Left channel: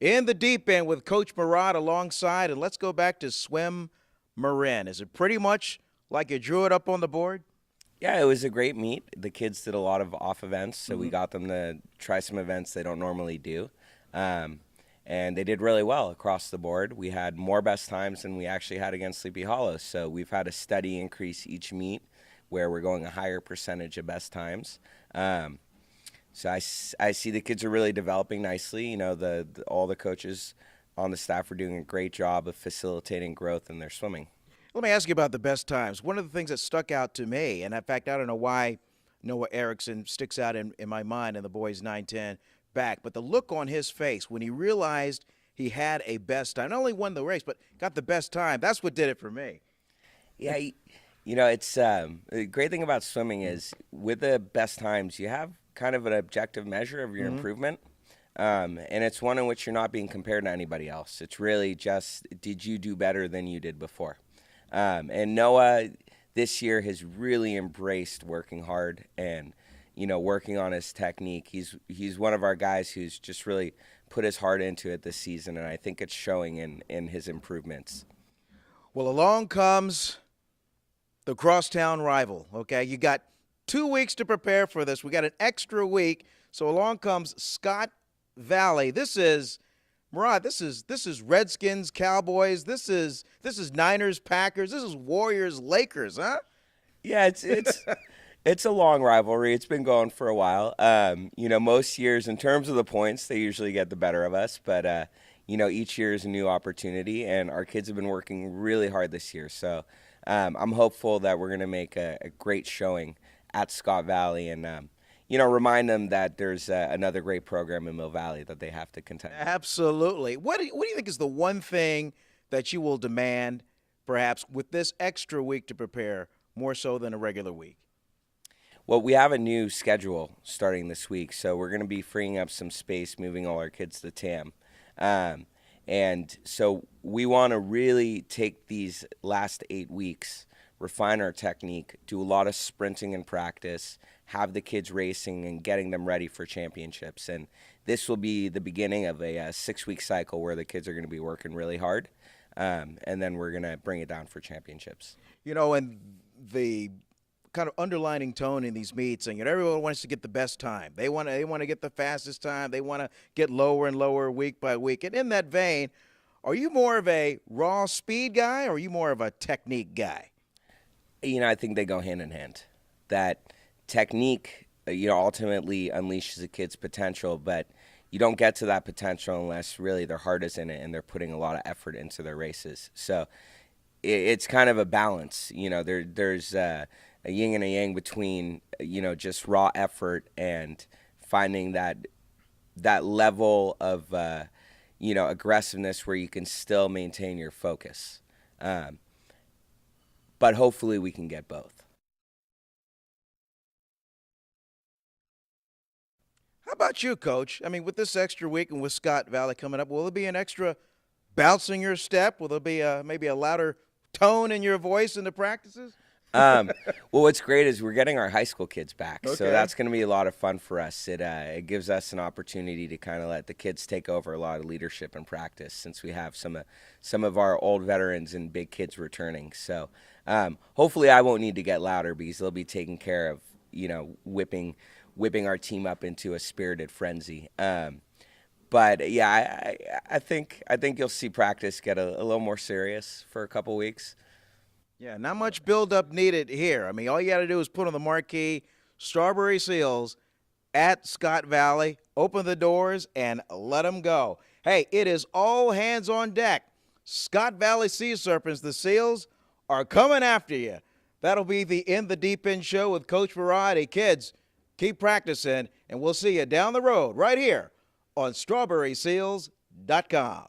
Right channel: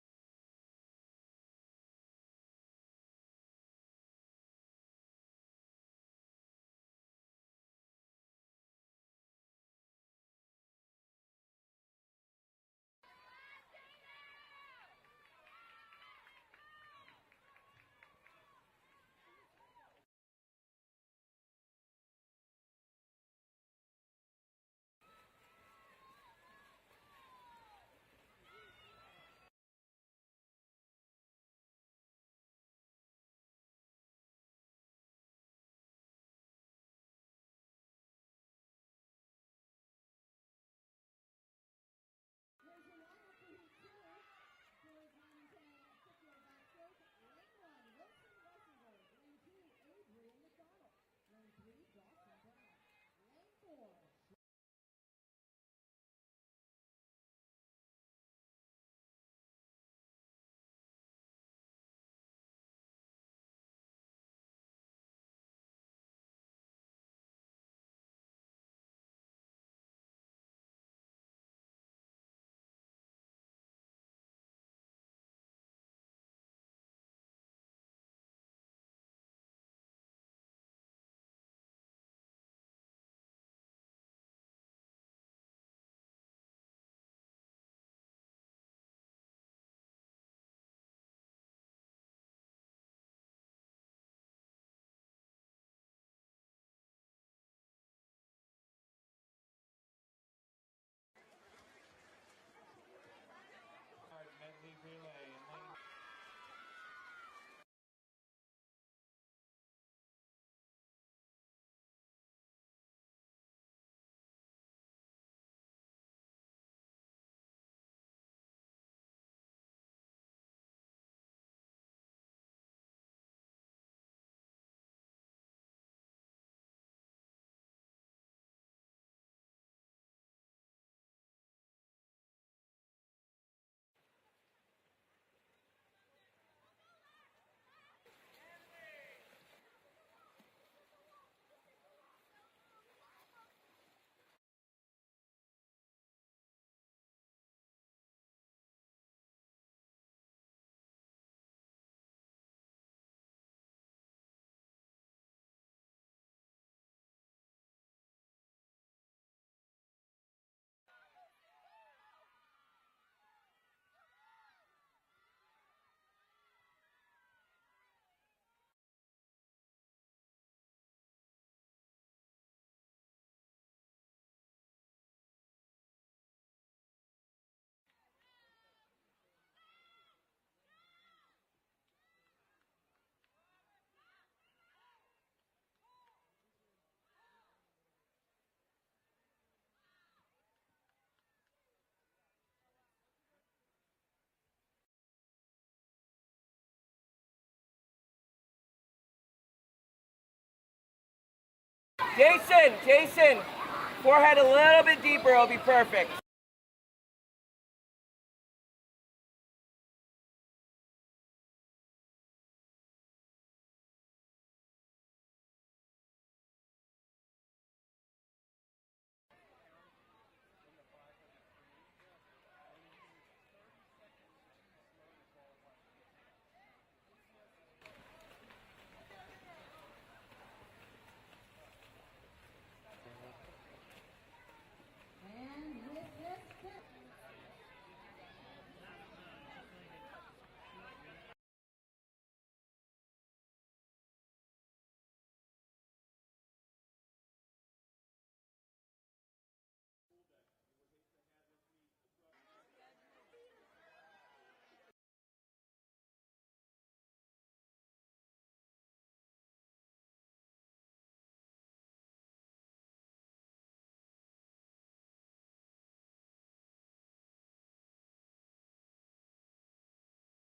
In the deep end with Coach Mehrad alongside, and let's go back to Swimarin. Is it pretty much like you drew it up on the board? Yeah, it was a great meet. The kids did a lot of off events, so we Hmm. got them to try some events they don't normally do. Um, and they did really well across the board. We had more best times than we actually had against Sleepy Hollow. So we've had a steady increase each meet where we're going a higher percentage of best times. Um, so I see the kids are really developing nicely. All the coaches on the staff are doing a great job of facilitating growth in their swimming. Let me ask you about the best times. One of the things that stuck out to me, and in fact, I don't know why Noah Erickson sticks out in my mind in the boys 9-10 back, but the look on his face when he realized he had a best time, not only won the race, but got the best time, that's what did it for me. Yeah, it's the great thing about swimming is with the best times, you have kind of an objective measure of your Hmm. improvement. And it's one in which you're not being compared to anybody else. It's really just, did you do better than you did before? And Noah this year has really embraced working hard and, working on his technique. He's one of our guys who's just really put his heart into it this season, and I think it's showing in his improvements. Well, along comes the crosstown rival, okay? You got 2 weeks to prepare for this. We got an extra week. So along comes Scott Valley. This is Redskins, Cowboys. This is Niners, Packers. This is Warriors, Lakers, huh? Yeah, it's a long rivalry. It's been going for a while. Most years in terms of the points, they usually get the better of us, but each year is a new opportunity, and our kids have been working really hard this year. So I'm hopeful that we're going to make a great showing at Scott Valley, and remind them that there's another great program in Mill Valley that they have to contend with. Absolutely. What do you think is the one thing that you will demand, perhaps, with this extra week to prepare more so than a regular week? Well, we have a new schedule starting this week, so we're going to be freeing up some space, moving all our kids to TAM. Um, and so we want to really take these last 8 weeks, refine our technique, do a lot of sprinting in practice, have the kids racing and getting them ready for championships. And this will be the beginning of a 6-week cycle where the kids are going to be working really hard. And then we're going to bring it down for championships. And the kind of underlining tone in these meets, and everyone wants to get the best time. They want to get the fastest time. They want to get lower and lower week by week. And in that vein, are you more of a raw speed guy or are you more of a technique guy? I think they go hand in hand. That technique, ultimately unleashes a kid's potential, but you don't get to that potential unless really their heart is in it and they're putting a lot of effort into their races. So it's kind of a balance. There's a yin and a yang between just raw effort and finding that level of aggressiveness where you can still maintain your focus. But hopefully we can get both. Jason, forehead a little bit deeper, it'll be perfect. How about you, Coach? I mean, with this extra week and with Scott Valley coming up, will there be an extra bounce in your step? Will there be maybe a louder tone in your voice in the practices? Well, what's great is we're getting our high school kids back, so Okay. that's going to be a lot of fun for us. It gives us an opportunity to kind of let the kids take over a lot of leadership and practice, since we have some of our old veterans and big kids returning. So hopefully, I won't need to get louder because they'll be taking care of whipping our team up into a spirited frenzy. But yeah, I think you'll see practice get a little more serious for a couple weeks. Yeah, not much build-up needed here. I mean, all you got to do is put on the marquee Strawberry Seals at Scott Valley, open the doors, and let them go. Hey, it is all hands on deck. Scott Valley Sea Serpents, the Seals, are coming after you. That'll be the In the Deep End show with Coach Variety. Kids, keep practicing, and we'll see you down the road right here on strawberryseals.com.